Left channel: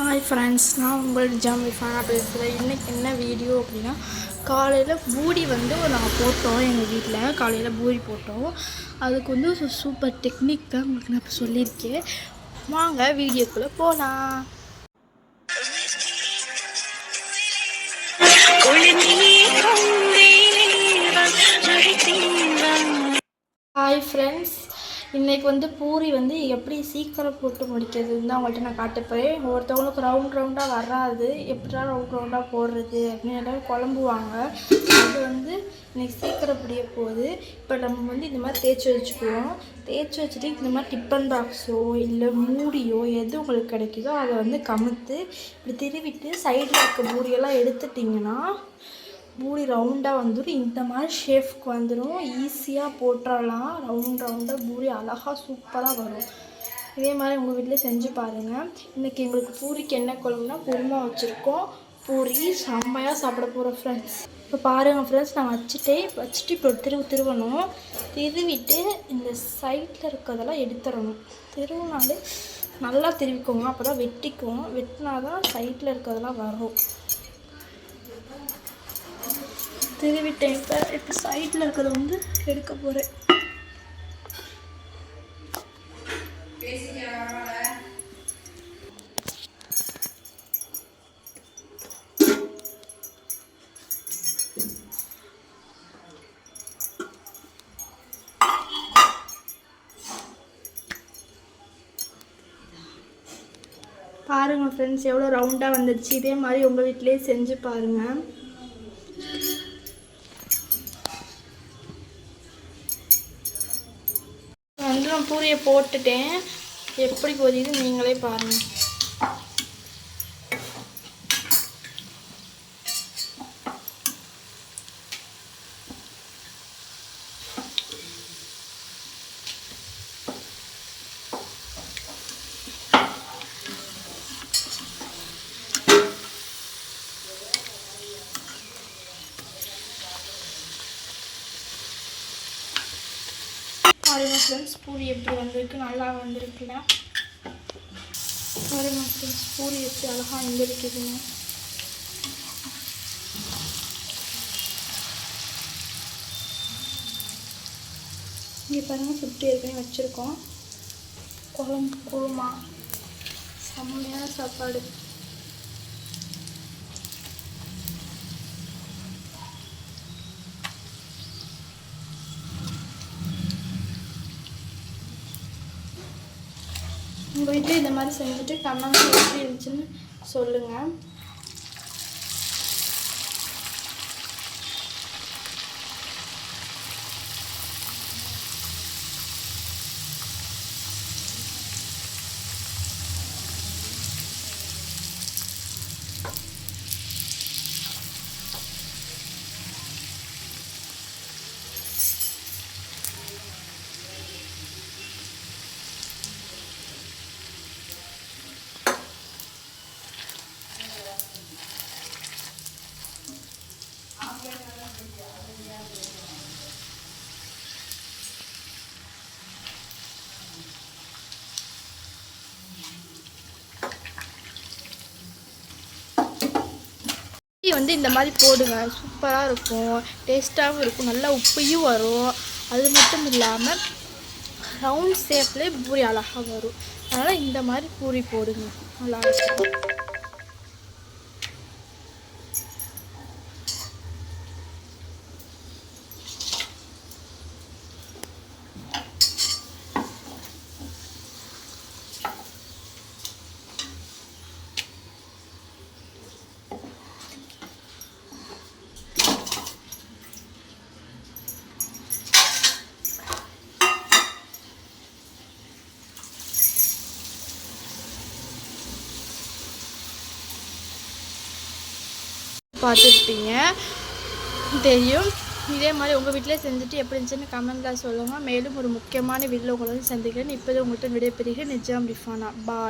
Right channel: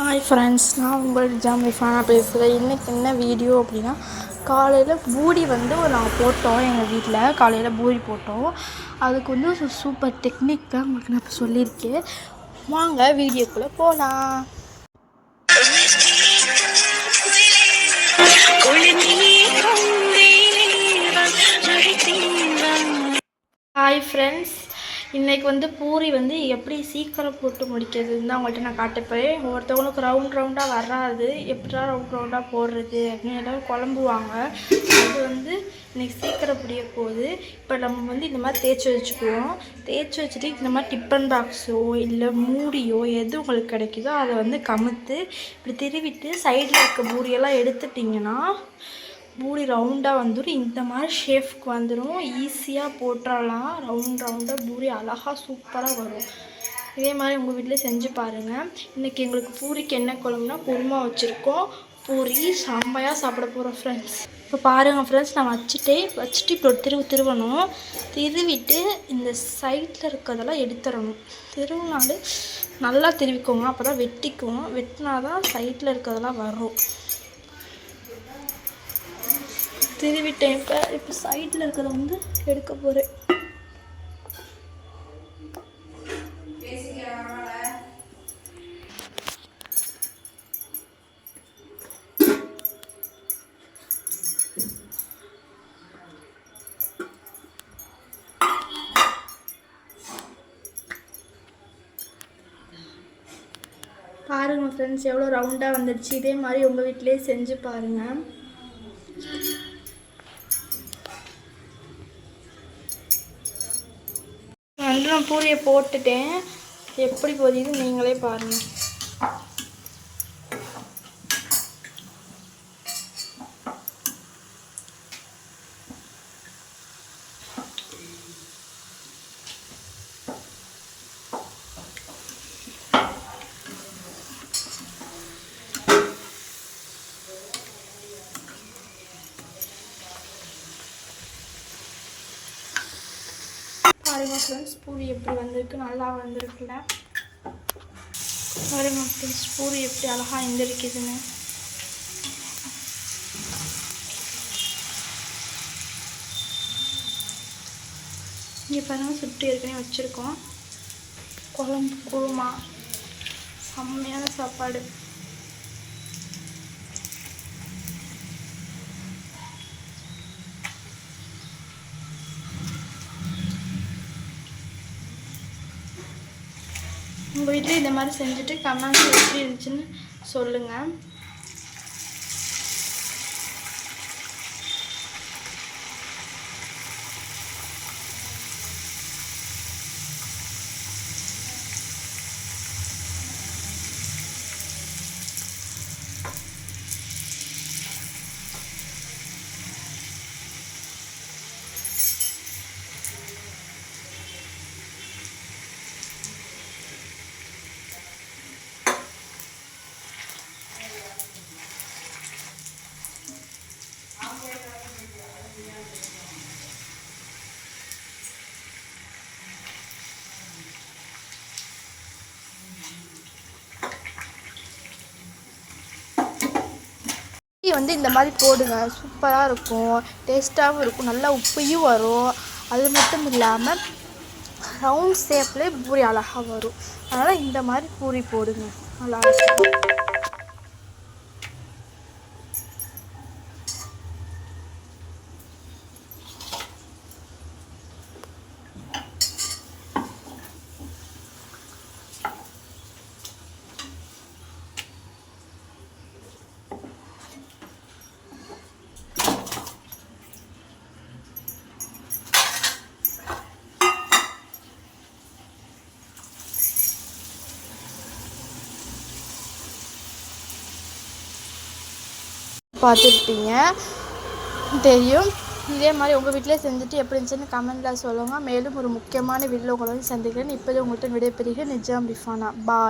Hi friends, நான் உங்கள் ஜாமிஃபானா பேசுகிறேன். இன்றைக்கி என்ன வீடியோ அப்படின்னா, காலையில் பூரி நாங்கள் போட்டோம். எங்கள் வீட்டில் காலையில் பூரி போட்டோம். அதுக்கு சூப்பர் டெக்னிக் தான் உங்களுக்கு நான் இப்போ சொல்லியிருக்கேன். வாங்க வீடியோக்குள்ளே போகலாம். ஹாய் ஃப்ரெண்ட்ஸ், இன்றைக்கி பூரி எப்படி சீக்கிரம் போட்டு முடிக்கிறதுன்னு தான் உங்கள்கிட்ட நான் காட்டப்போகிறேன். ஒவ்வொருத்தவங்களுக்கு ரவுண்டாக வராது, எப்படிடா ரவுண்டாக போடுறது அப்படின்னு எல்லோரும் குழம்புவாங்க. அது இன்றைக்கி சீக்கிரம் புரிய போகுது. இப்போ நம்ம இந்த மாதிரி தேய்ச்சி வச்சுக்குவோம். தேய்ச்சி வச்சுட்டு இந்த மாதிரி டிஃபன் பாக்ஸோ இல்லை மூடியோ எது உங்களுக்கு கிடைக்குதோ அதை கமுத்து இப்படி திருவிட்டு சைடில் இருக்க பூரியெல்லாம் எடுத்துட்டிங்கன்னா பூரி ரவுண்டாக வந்துடும். இந்த மாதிரி ஷேஃப்க்கு வந்துடும். ஈஸியாக போட்டுடலாம். ரவுண்டாக பூரி அழகாக சூப்பராக வரும். இதே மாதிரி உங்கள் வீட்டில் செஞ்சு பாருங்கள். இன்றைக்கி எங்களுக்கு பூரிக்கு என்ன குழம்புனா குருமா வச்சுருக்கோம். பூரி செம்மையாக சாப்பிட போகிறோம் ஃப்ரெண்ட்ஸ். இப்போ பாருங்கள் ஃப்ரெண்ட்ஸ், நான் வச்சுட்டு இப்போ திருவணும். திருவிட்டு இந்த சைடில் இருக்கிறதெல்லாம் எடுத்துடணும். திருவினாலே நல்லா திருவிக்கோங்க, அப்போ தான் வெட்டிக்கும். வெட்டினா தான் சைடில் இருக்கிறதெல்லாம் வரும். திருவிட்டேன். இப்போ சைடில் இருக்கிறத எடுக்க போகிறேன். பாருங்கள் ஃப்ரெண்ட்ஸ், எவ்வளோ ரவுண்டாக வந்துடுச்சு. இதே மாதிரி உங்கள் வீட்டிலே செஞ்சு பாருங்கள். நான் பூரியை போட்டுட்டேன். எப்படி போகுது நீங்களே பாருங்கள். பாருங்க ஃப்ரெண்ட்ஸ், பூரி எப்படி வந்திருக்கு, நல்லா வந்திருக்குல்ல. பாருங்க ஃப்ரெண்ட்ஸ், பூரி எப்படி அழகாக எந்திரிக்குதுன்னு. இங்கே பாருங்கள், சுற்றி ஏற்கனவே வச்சுருக்கோம். குழம்பு குருமா செம்மையான சாப்பாடு. உங்கள் வீட்டில் இந்த மாதிரி செஞ்சுட்டு கமெண்ட்ஸ் எப்படி இருந்துச்சுன்னு சொல்லுங்கள். இந்த மாதிரி போடுங்க, சூப்பராக இருக்கும், டேஸ்ட்டாகவும் இருக்கும், நல்லா உப்பையும் வரும். அது மட்டும் இல்லாமல் ரவுண்ட் ஷேப்லேயே பூரி அழகாக வரும். அதனால் இந்த மாதிரி பூரி போடுங்க, நல்லா இருக்கும். பார்த்துருப்பீங்க, தெரியும். இதே மாதிரி உங்கள் வீட்டிலே செஞ்சுட்டு எப்படி இருந்துச்சுன்னு கமெண்ட்டில் சொல்லுங்கள். மேலும் ஒரு முக்கியமான வீடியோவில் உங்களை சந்திக்கிறேன். இப்போது உங்கள்கிட்ட விடைபெறுகிறேன். நிஜாம் ரிஃபானா. பாய்.